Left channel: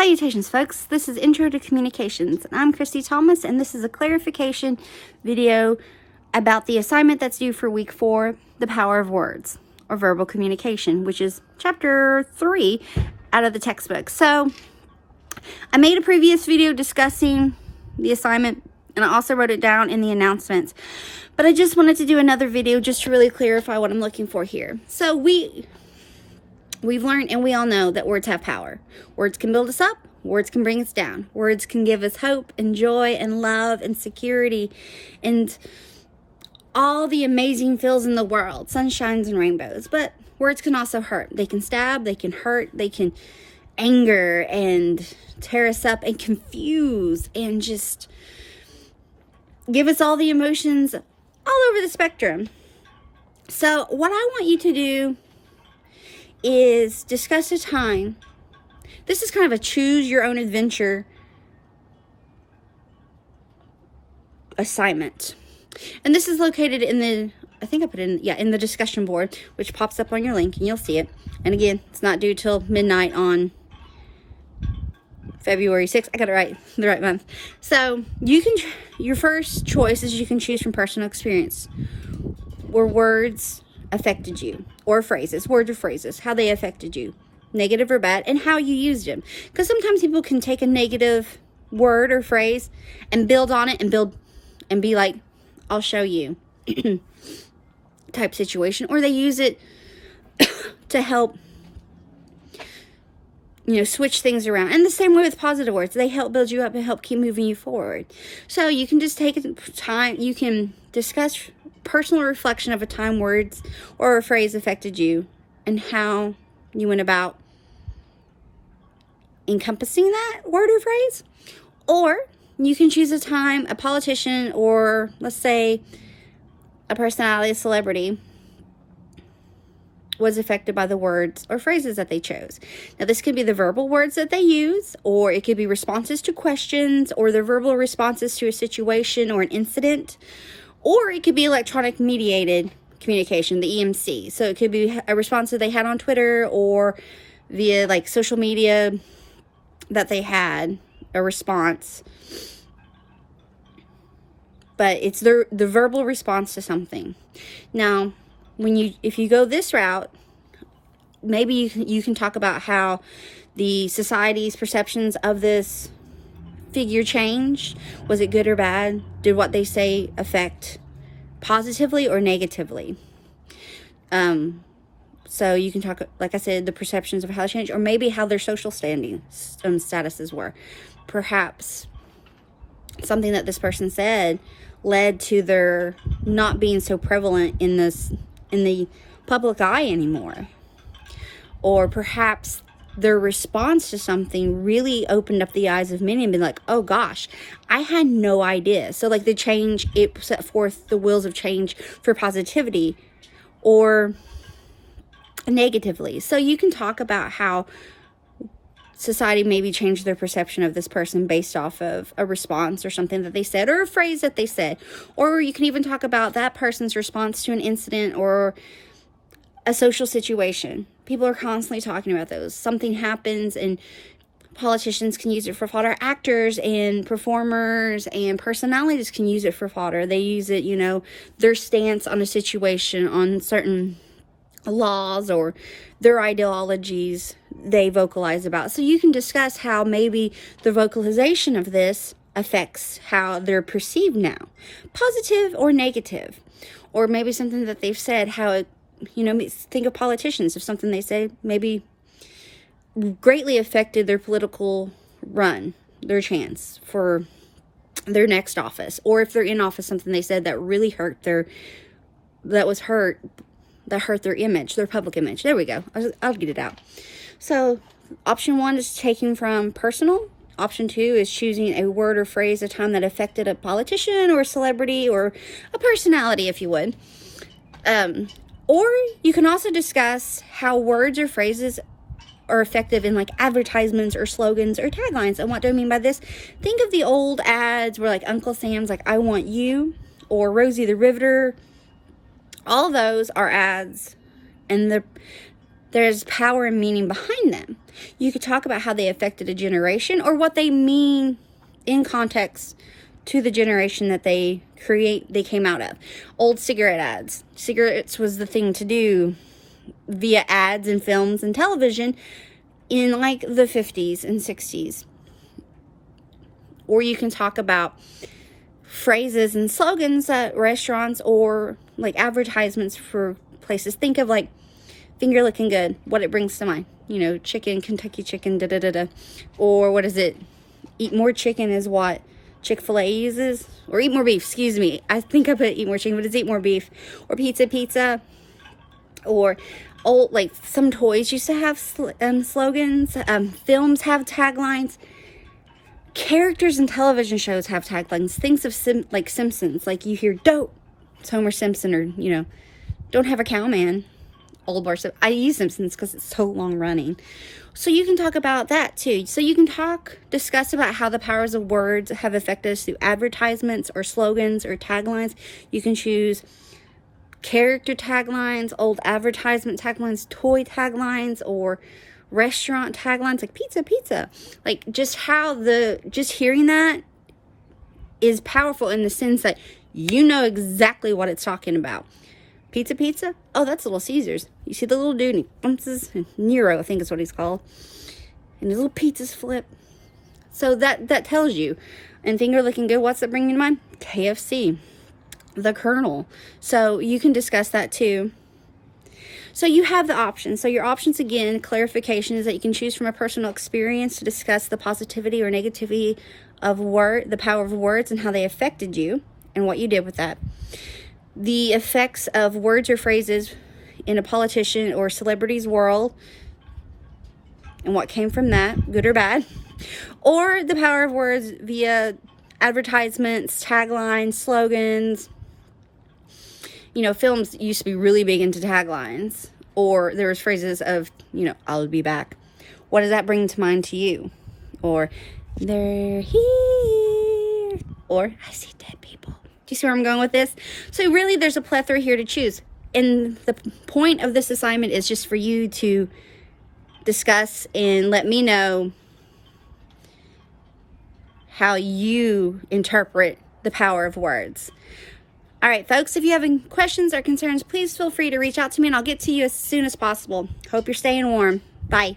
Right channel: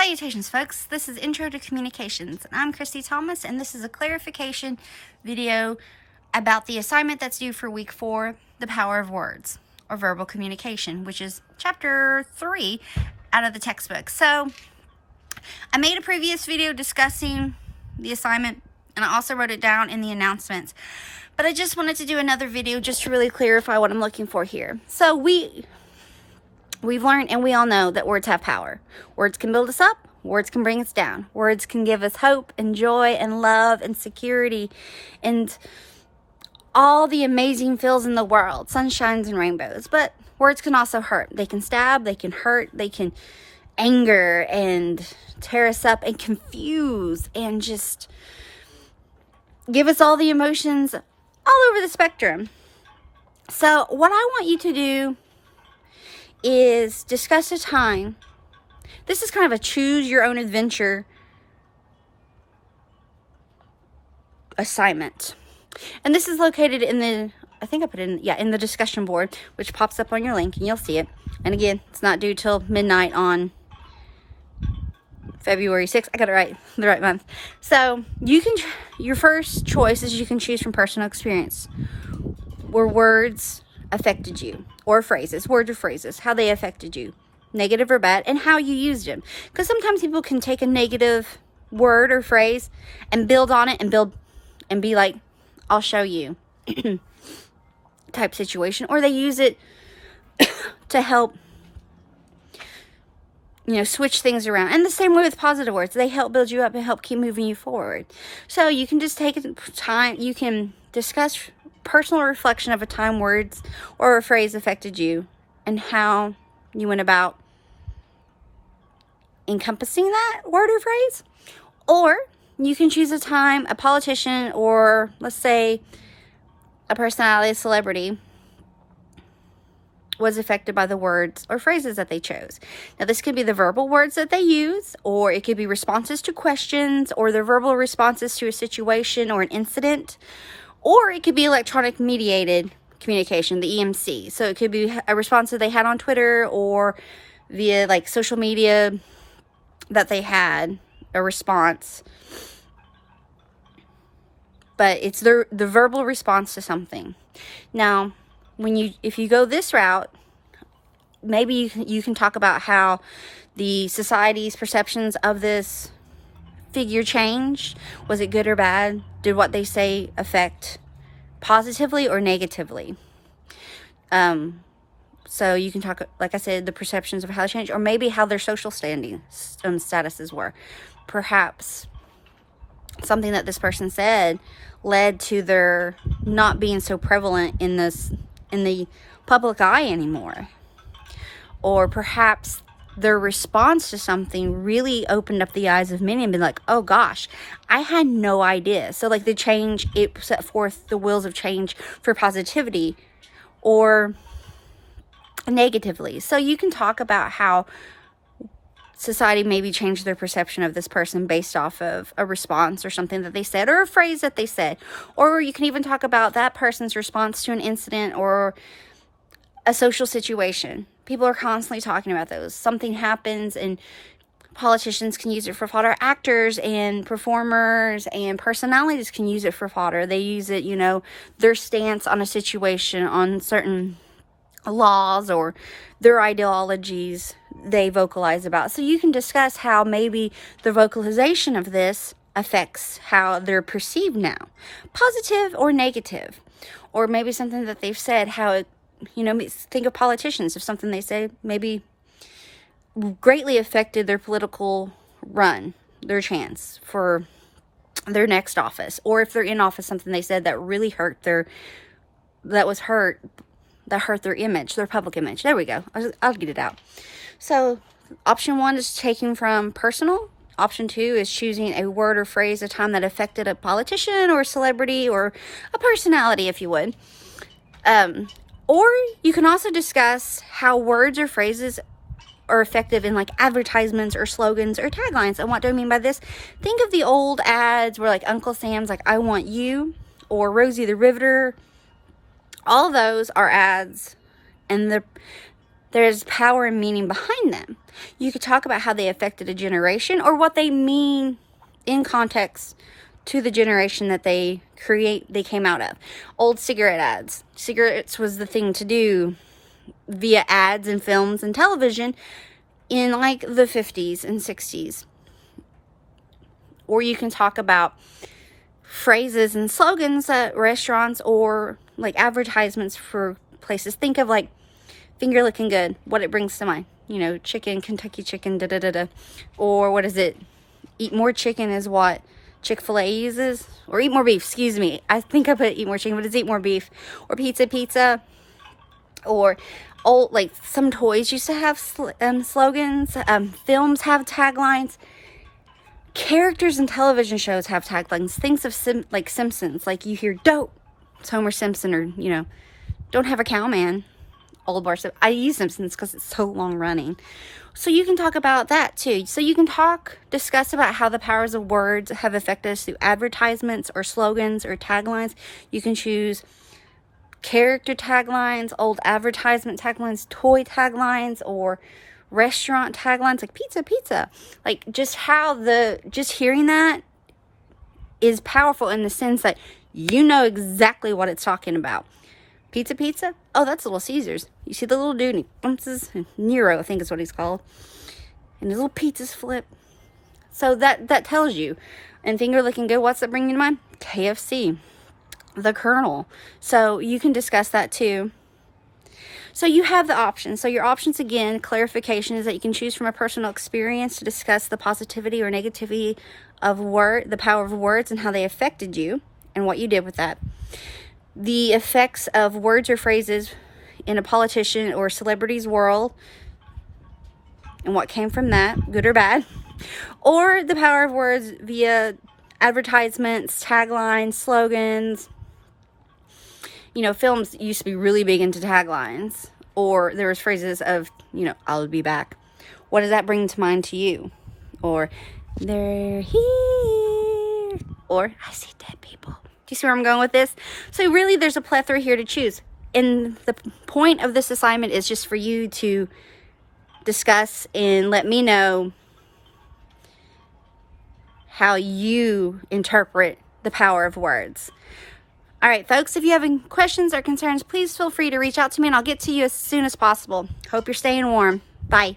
Salutations, folks. This is Intro to Communications, and I'm Christy Thomas, and this is a clarification video about the assignment that's due for week 4, The Power of Words, or Verbal Communication, which is chapter 3 out of the textbook. So, I made a previous video discussing the assignment, and I also wrote it down in the announcements, but I just wanted to do another video just to really clarify what I'm looking for here. So, We've learned and we all know that words have power. Words can build us up. Words can bring us down. Words can give us hope and joy and love and security and all the amazing feels in the world, sunshines and rainbows. But words can also hurt. They can stab, they can hurt, they can anger and tear us up and confuse and just give us all the emotions all over the spectrum. So what I want you to do is discuss a time. This is kind of a choose your own adventure assignment. And this is located in the, I think I put it in the discussion board, which pops up on your link and you'll see it. And again, it's not due till midnight on February 6th. I got it right, the right month. So you can, your first choice is you can choose from personal experience where words affected you, or phrases, words or phrases, how they affected you, negative or bad, and how you used them. Because sometimes people can take a negative word or phrase and build on it and be like, I'll show you type situation, or they use it to help, switch things around. And the same way with positive words, they help build you up and help keep moving you forward. So you can just take time, you can discuss personal reflection of a time words or a phrase affected you and how you went about encompassing that word or phrase. Or you can choose a time a politician, or let's say a personality, a celebrity, was affected by the words or phrases that they chose. Now this could be the verbal words that they use, or it could be responses to questions, or their verbal responses to a situation or an incident. Or it could be electronic mediated communication, the EMC. So it could be a response that they had on Twitter or via like social media that they had a response. But it's the verbal response to something. Now, if you go this route, maybe you can talk about how the society's perceptions of this figure changed. Was it good or bad? Did what they say affect positively or negatively? So you can talk, like I said, the perceptions of how they changed, or maybe how their social standing statuses were. Perhaps something that this person said led to their not being so prevalent in the public eye anymore. Or perhaps their response to something really opened up the eyes of many and been like, oh gosh, I had no idea. So like the change, it set forth the wheels of change for positivity or negatively. So you can talk about how society maybe changed their perception of this person based off of a response or something that they said, or a phrase that they said. Or you can even talk about that person's response to an incident or a social situation. People are constantly talking about those. Something happens and politicians can use it for fodder. Actors and performers and personalities can use it for fodder. They use it, their stance on a situation, on certain laws or their ideologies they vocalize about. So you can discuss how maybe the vocalization of this affects how they're perceived now, positive or negative. Or maybe something that they've said, how it, think of politicians. If something they say maybe greatly affected their political run, their chance for their next office, or if they're in office, something they said that really hurt their image, their public image. There we go. I'll get it out. So option 1 is taking from personal. Option 2 is choosing a word or phrase, a time that affected a politician or a celebrity or a personality, if you would. Or you can also discuss how words or phrases are effective in like advertisements or slogans or taglines. And what do I mean by this? Think of the old ads where like Uncle Sam's like, I want you, or Rosie the Riveter. All those are ads, and there's power and meaning behind them. You could talk about how they affected a generation or what they mean in context to the generation that they came out of. Old cigarette ads. Cigarettes was the thing to do via ads and films and television in like the 50s and 60s. Or you can talk about phrases and slogans at restaurants or like advertisements for places. Think of like finger looking good, what it brings to mind. You know, chicken, Kentucky chicken, da da da da. Or what is it? Eat more chicken is what Chick-fil-A uses. Or eat more beef, excuse me. I think I put eat more chicken, but it's eat more beef. Or pizza. Or old, like some toys used to have slogans. Films have taglines. Characters in television shows have taglines. Things of like Simpsons, like you hear "Dope," it's Homer Simpson, or you know, "Don't have a cow, man." Old bar stuff. I use Simpsons because it's so long running. So you can talk about that too. So you can discuss about how the powers of words have affected us through advertisements or slogans or taglines. You can choose character taglines, old advertisement taglines, toy taglines, or restaurant taglines like pizza. Like just hearing that is powerful in the sense that you know exactly what it's talking about. Pizza. Oh, that's Little Caesars. You see the little dude and he bounces. Nero, I think is what he's called. And his little pizzas flip. So that tells you. And finger looking good, what's that bringing to mind? KFC. The Colonel. So you can discuss that too. So you have the options. So your options, again, clarification is that you can choose from a personal experience to discuss the positivity or negativity of the power of words and how they affected you and what you did with that. The effects of words or phrases in a politician or celebrity's world and what came from that, good or bad. Or the power of words via advertisements, taglines, slogans. You know, films used to be really big into taglines. Or there was phrases of, you know, "I'll be back." What does that bring to mind to you? Or, "They're here." Or, "I see dead people." Do you see where I'm going with this? So really, there's a plethora here to choose. And the point of this assignment is just for you to discuss and let me know how you interpret the power of words. All right, folks, if you have any questions or concerns, please feel free to reach out to me and I'll get to you as soon as possible. Hope you're staying warm. Bye.